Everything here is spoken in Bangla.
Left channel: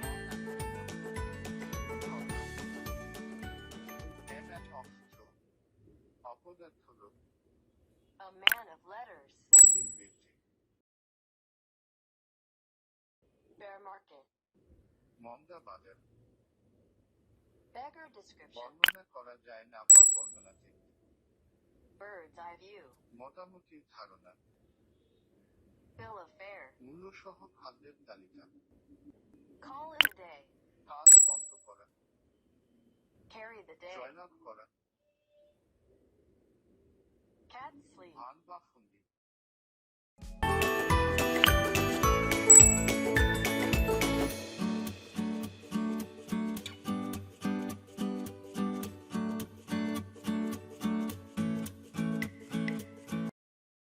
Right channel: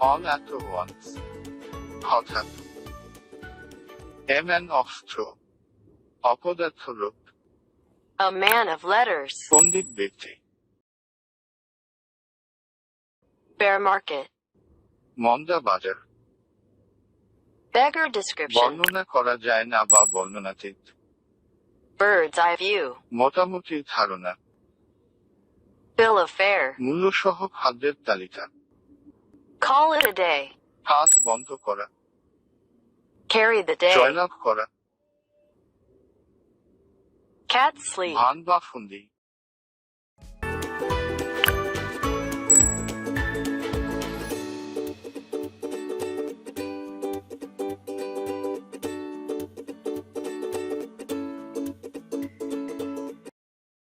all at once, হঠাৎ। A man of straw, অপদার্থ লোক, A man of letters. পণ্ডিত ব্যক্তি, Bear market. মন্দা বাজার, Beggar description. বর্ণনা করা যায় না বা বর্ণনাতীত, Bird's eye view. মোটামুটি ধারণা, Bill of fare. মূল্যসহ খাদ্যের তালিকা, Call it a day. হাত বন্ধ করা, Carry the day. জয়লাভ করা, Cat sleep. ভান বা ফন্দি।